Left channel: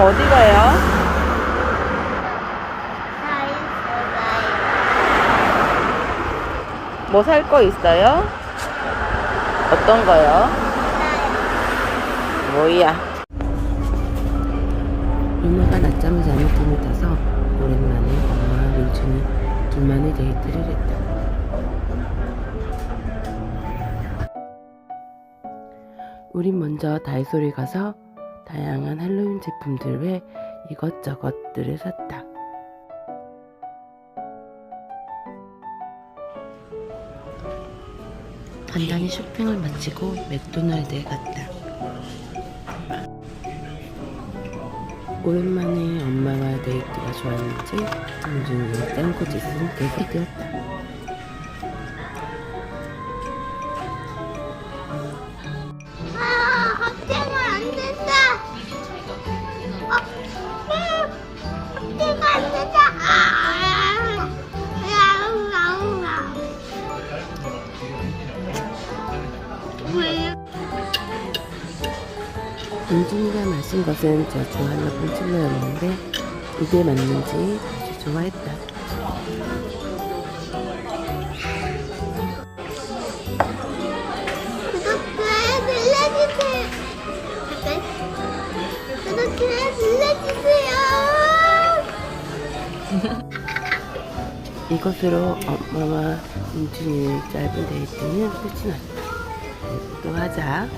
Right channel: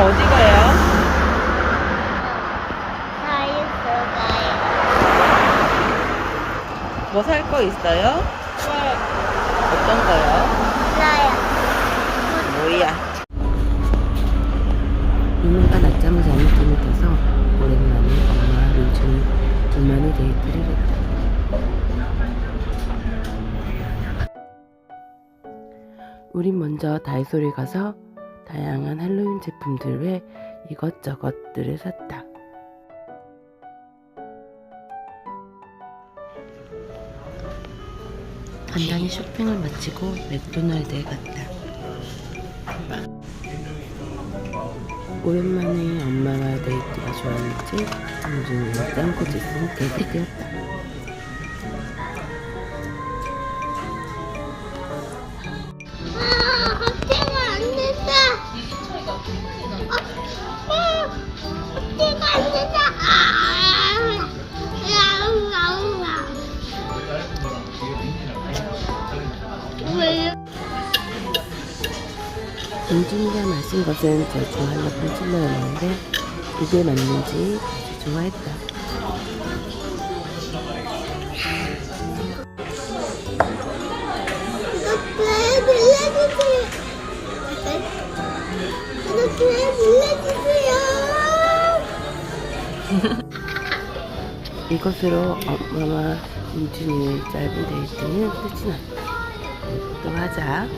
어디 가요? 뭐 살 거 있어요? 네, 어떤 거요? 몰라요. 뭐야? 유나가 낮잠을 자는 틈을 타서 오랜만에 엄마와 민준이 둘만의 데이트를 했다. 우린 먼저 다이소를 가서 다양한 할로윈 제품들 외 이것저것들을 샀다. 간단히 쇼핑을 마치고 맥도날드에 갔다. 오랜만에 엄마와 데이트가 좋았는지 민준이 짱코짓은 계속되었다. 왜? 민준이가 마신 것은 제주 할라핀 칠러였는데 입에 맞는지 아주 좋아했다. 이것으로 엄마와 민준이의 짧은 데이트는 끝이 났다. 또 하자.